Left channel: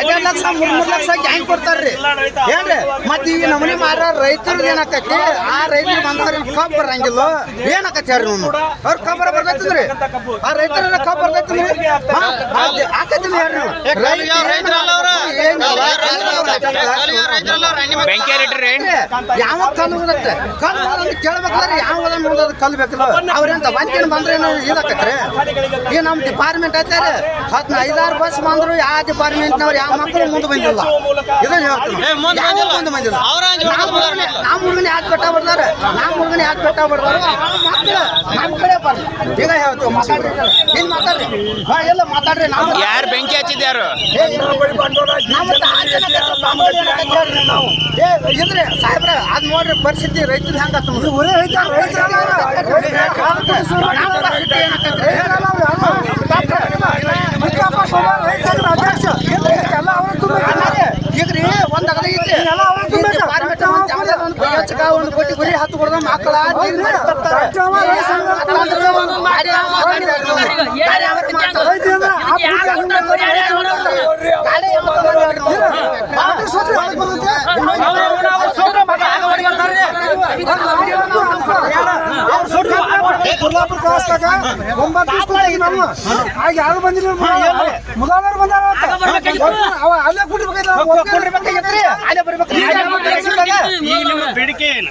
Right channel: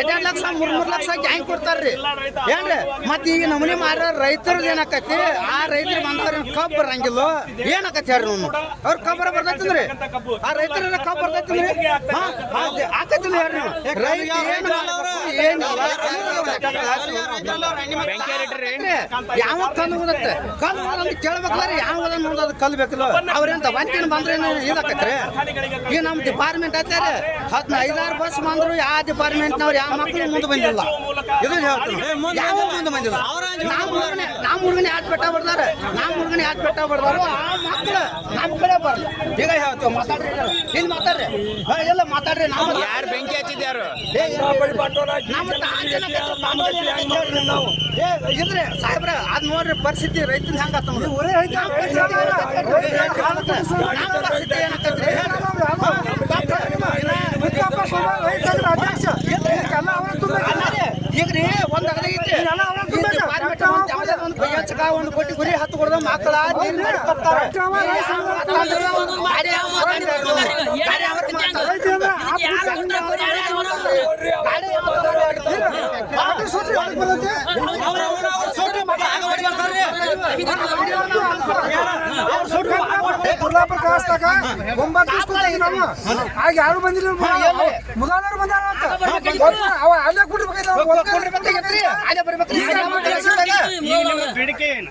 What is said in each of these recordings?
ಎರಡ್ ಲಕ್ಷ ಲಕ್ಷ ಕೊಡ್ತಾರ್ರಿ. ಈಗ ನಮನಿ ಮಾರ ರೈತರು ಏನಾಕತಿ ಆ ರೈತರು ಬಂದವ್ರ ಕಬ್ಬ್ ಬರಂಗಿಲ್ಲ. ಏನಾಕತಿ ಹೇಳ್ರಿ ನಾವು ಅವ್ರ ಕಬ್ಬರ ಆ ರೈತರ ಕಬ್ಬ್. ಬರ್ತೈತಿ ಬೆಂಕಿ ಹರಿಟ್ರಿ ಯಾವ ಕಲ್ಲು ಓದೋದು ಕೇಳ್ಬೇಕಾದ್ರೆ ಯಾವ ಓದೋದು ಕಲ್ಲು ಬೇಕಲ್ಲ. ಅವ್ರೆಂತ ಬಂದಿನ ಬಂದ್ರೆ ಇದಾಕತ್ರಿ ಈಗ ನಮ್ಮ ಡಿಪಾರ್ಟ್ಮೆಂಟ್ ಐತಾರೆ? ಹತ್ತು ಐದಾರು ಬಸ್ ಬಂದ್ರು ಯಾವ ಡಿಪಾರ್ಟ್ಮೆಂಟ್ನವ್ರು ಯಾವ ಮಕ್ಕಳು ಮುಂದೆ ಬಂದಿಲ್ಲ. ಇದನ್ನ ಮುಂದೆ ಬಂದಿಲ್ಲ. ನಮ್ಮ ಹುಡುಗನ ಯಾಕೆ ಬೆಟ್ಟ ಬಿಡ್ದಾರ ನಮ್ಮ ಹುಡುಗನ ಯಾಕೆ ಬೆಟ್ಟ ಬಿಡ್ದಾರು ಆ ಮಕ್ಕಳು ನಮ್ಮ ಕಡೆ ಬರ್ಲಿ ಈಗ ಹೇಳ್ತೀವಿ ಮಾತಾಡ್ರಿ. ಏನ್ ಮಾತಾಡ್ರಿ? ಹಾ ಎಲ್ಲ ಮಾತಾಡ್ರಿ ನಾವು ಯಾರು ಬೆಂಕಿ ಹಚ್ಚಿದ್ಯಾರು? ಸಾಹೇಬ್ರ ಅದ್ ನೋಡ್ರಿ ಪರಿಸ್ಥಿತಿ ರೈತರ ಹೆಂಗ ಒಂದು ಈಗ್ರಿ ಕೊಟ್ಟಿ ಗುರಿ ಹತ್ತು ಕೊಡದ ಮಕ್ಕಳ ಗುರ್ಲಾಪುರ ಕ್ರಾಸ್ದಾಗ ಒಂಬತ್ತು ನಾವು ಆಗ ಯಾರು ಬಂದಿಲ್ಲ ಮುಗಾದವ್ರು ಬಂದಾರ ಅವ ಅಲ್ಲೇ. ಅಲ್ಲೇ ಬರ್ಬೇಕು. ಬೇಡಿಕೆ ಏನು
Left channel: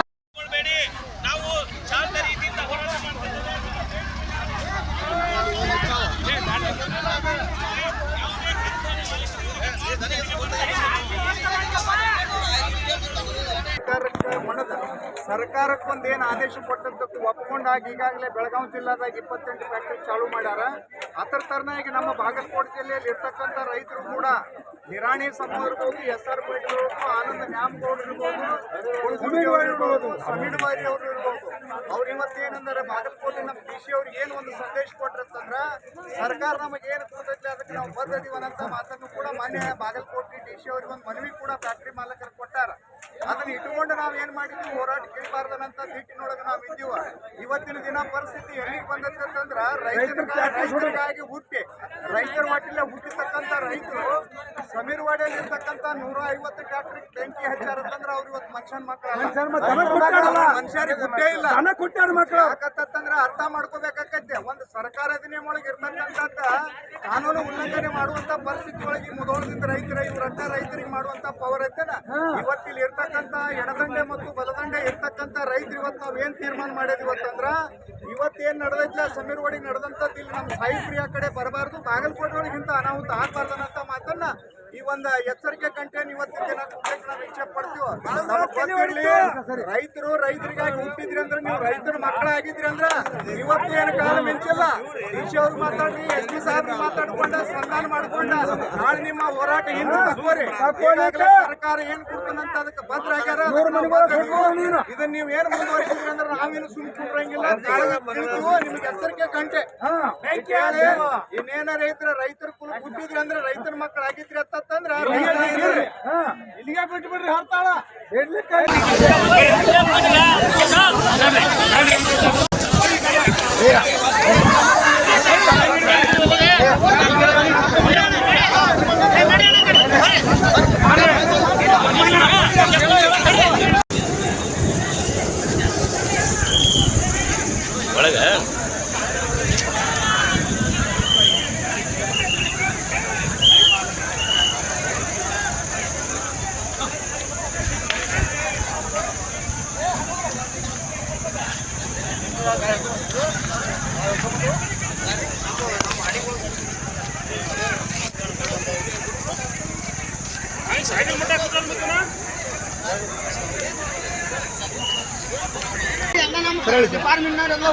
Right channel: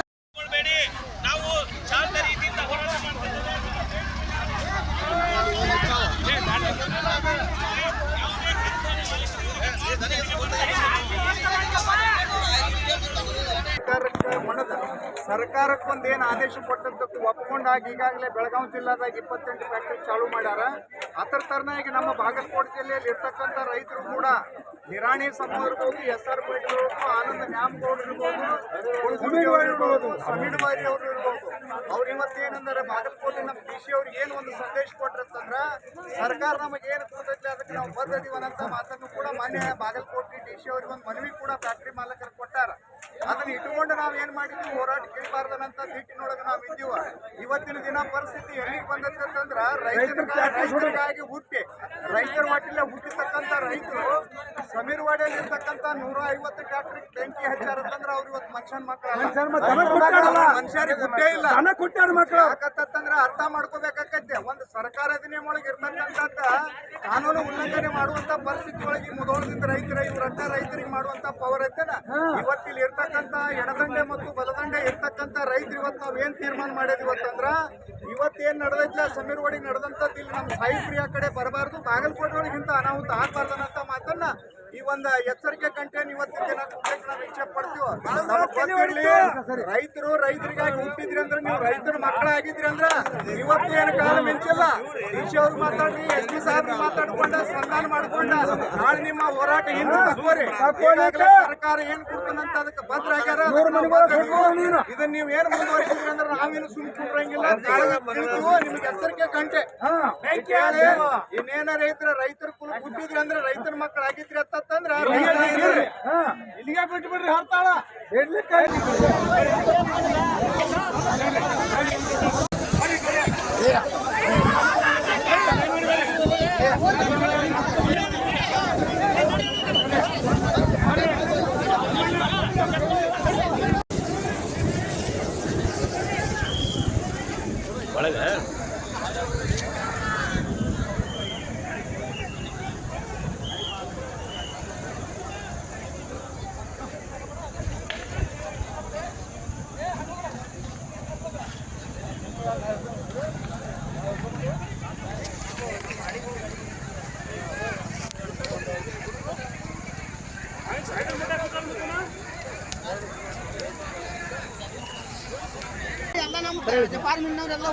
ಸರ್ಕಾರಕ್ಕೆ ಒಂದು ಏನು ಆದೇಶ ಕೊಟ್ಟಂತದ್ದು ಒಪ್ಕೊಂಡಾಗ ಈಗಾಗಲೇ ಬೆಳಗಾವಿ ಜಿಲ್ಲಾದಾಗ ಇಪ್ಪತ್ತೆಂಟು ಫ್ಯಾಕ್ಟ್ರಿ ಚಾಲೂ ಮಾಡ್ಯಾರ. ಅದರ ತರನಾಗಿ ನಮ್ಮ ಬಾಗಲಕೋಟೆ ಜಿಲ್ಲೆಯಲ್ಲಿ ಇರ್ತಕ್ಕಂಥ ರೈತರು ಕೂಡ ನಿರಾಣಿ ಸಮ ಇರ್ಬೋದು ಎಸ್ ಆರ್ ಪೇಟೆ ಆನಂದ ನ್ಯಾಮಗೌಡ ಇರ್ಬೋದು ಸಮೀಡ್ವಾರಿ ಅವರು ಇರ್ಬೋದು. ಅವ್ರು ಇವತ್ತು ಏನಂದ್ರೆ ಬಾಗಲಕೋಟೆ ನಮ್ಮ ಡಿ ಸಿ ಅವ್ರಿಗೆ ಏನು ಒಂದು ಸಂದೇಶ ಕೊಟ್ಟಿರ್ತಂದ್ರೆ ಸರ್ಕಾರ ನಮಗೆ ಏನು ಅದಕ್ಕೆ ನಾವು ಬದ್ಧದಿವನಂತ ಮಾತನ್ನು ಕೂಡ ಮಾನ್ಯ ಬಾಗಲಕೋಟೆ ಡಿ ಸಿ ಅವ್ರಿಗೆ ಒಂದು ಮನವಿ ಕೂಡ ಫ್ಯಾಕ್ಟ್ರಿ ಮಾಲಕರು ಕೊಟ್ಟಾರ. ಅದನ್ನ ಇಟ್ಟುಕೊಂಡು ನಾವು ಏನ್ ಮಾಡಿದ್ವಿ? ಹೋರಾಟ ಕೇಳಬಾರ್ದನಂತ ಸಿಟ್ಟಿನೊಳಗೆ ನಾವು ಇದ್ದೀವ. ಇವತ್ತಿನ ದಿನ ಪರಿಸ್ಥಿತಿ ಎಲ್ಲಿಗೆ ಬಂದೈತೆ ಅಂತಂದ್ರ ರೈತರ ರೈತರಿಗಾಗಿ ಹುಟ್ಟಿ. ರೈತರ ಮಟ್ಟಿಲ್ಲ ಹುಟ್ಟಿರ್ತಕ್ಕಂಥ ರೈತರು ಸಮೀರ್ವಾಡಿಯಲ್ಲಿ ಇರ್ತಕ್ಕಂಥ ನೂರ ಐವತ್ತು ಟ್ರ್ಯಾಕ್ಟರ್ ಬೆಂಕಿ ಹಚ್ಚಾರಂತಂದ್ರ ಅವ್ರು ಇವತ್ತು ಮನುಷ್ಯನ ಮಕ್ಕಳು ಮನುಷ್ಯರಿಗೆ ಹುಟ್ಟೇ ಇಲ್ಲ. ಯಾಕಂತಂದ್ರ ಅರ್ಥ ಮಾಡ್ಕೋಬೇಕಾಗತ್ತೆ ಒಂದು ಸರ್ಕಾರ ಅಧಿನಿಯಮ ಒಳಗೆ ಇರ್ತಕ್ಕಂಥದ್ದ ಕಾನೂನು ಉಲ್ಲಂಘನೆ ಮಾಡುವಂತ ಪರಿಸ್ಥಿತಿ ಒಳಗೆ ಮುದೋಳದಿಂದ ರೈತರ ಇವ್ರನ್ನ ರೈತರಿಗೆ ಮಾಡುವಂತ ಪವರ್ ಐತೆನ ಇವತ್ತಿಲ್ಲಿ ಇರ್ತಕ್ಕಂಥ ಎಡದಂಡೆ ಮತ್ತು ಬಲದಂಡೆ ಇರ್ತಕ್ಕಂಥ ರೈತರು ಇವತ್ತು ನಾವ್ ಏನ್ ತೀರ್ಮಾನ ಮಾಡಿದ್ವಿ ಇವತ್ತಂದ್ರ ಇವತ್ತೇನ್ ನಡೆದೈತ್ಲ ಸಮೀರ್ ಒಳಗೆ ನಡೆದಂತ ಇಲ್ಲಿ ನಮ್ಮ ಪ್ರಿಯ ಕಡೆ ಬರಬಾರ್ದು. ಬಾಗಲಕೋಟೆ ಒಳಗಿಂತ ಅನಾಹುತ ಆಗ್ಬಾರ್ದನ್ನಂತ ಮಾತನ್ನ ಈ ಒಂದು ಎಚ್ಚರಿಕೆ ಕಂಟೇನ್ ಇವತ್ತಿನ ದಿನ ನಾವು ಇಚ್ಛೆ ಪಡ್ತೀವಿ? ರೈತರು ರೈತರಿಗಾಗಿ ಹುಟ್ಟಿದ್ರಿ ಅಂದ್ರೆ ನೀವು ರೈತರ ಮಕ್ಕಳಾಗಿದ್ರಿ ಅಂದ್ರ ಇವತ್ತು ಏನು ಕಾಲ ಮಿಂಚಿಲ್ಲ. ಡಿಸಿ ಅವ್ರು ಮಾತಾಡ್ರಿ ಎಸ್ ಪಿ ಸಾಹೇಬ್ರು ಮಾತಾಡ್ಕೊಂಡ ಸಂಧಾನ ಮಾಡ್ಕೊಂಡ. ನಾಳೆ ನಿಮ್ಮ ಹೋರಾಟ ಹಿಂದೆ ಸರ್ಕಾರ ಏನ್ ಕೊಡ್ತಾನಂತ ಅದಕ್ಕೆ ಭದ್ರ ಆಗ್ಯಾರ. ಇದನ್ನ ನೀವು ಏನ್ ಮುಂದುವರಿಸಿದ್ರಿ ಅಂದ್ರೆ ನಾವೇನು ಸುಮ್ ಕೂರಂಗಿಲ್ಲ ನಿಮ್ಗೆ ಎಚ್ಚರಿಕೆ ಕಂಟೆ. ಇನ್ನೇನ ರೈತರ ರೈತರ ಕುಲ ಹುಟ್ಟಿದ್ರಿ ಅಂದ್ರೆ ರೈತರ ಮಕ್ಕಳಾಗಿದ್ರಿ ಅಂತಂದ್ರ ಇಲ್ಲಿಗೆ ಬಿಟ್ಟು ಬಿಡ್ರಿ. ಹರ್ತಾಳ. ಎಲ್ಲ ಡಿಪಾರ್ಟ್ಮೆಂಟ್ನವರೆಲ್ಲ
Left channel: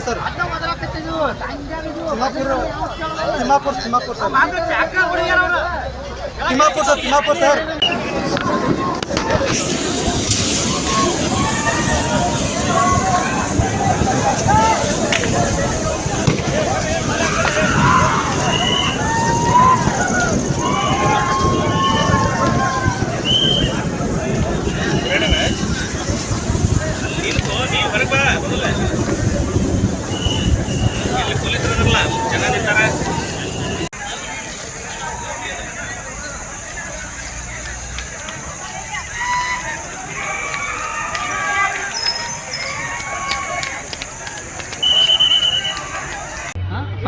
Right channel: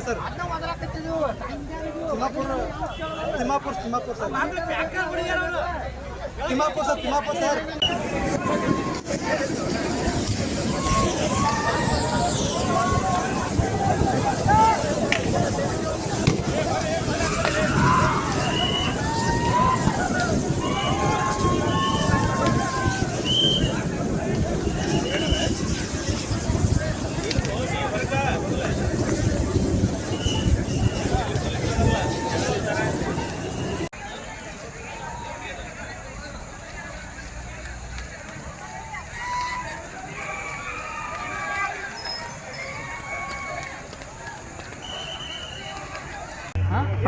sir. Thimmapura Thimmapura Thimmapura sir Thimmapura sir Thimmapura sir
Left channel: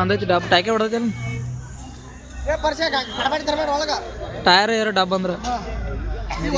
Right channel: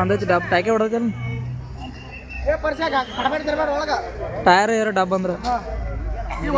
ಅಂದೈತಿ ಡಬ್. ಟಾಕೆ ಒಳಗ. ಟೈರ್ ಏರು ಡಬ್ ಅಂದ್ರೆ. ಈ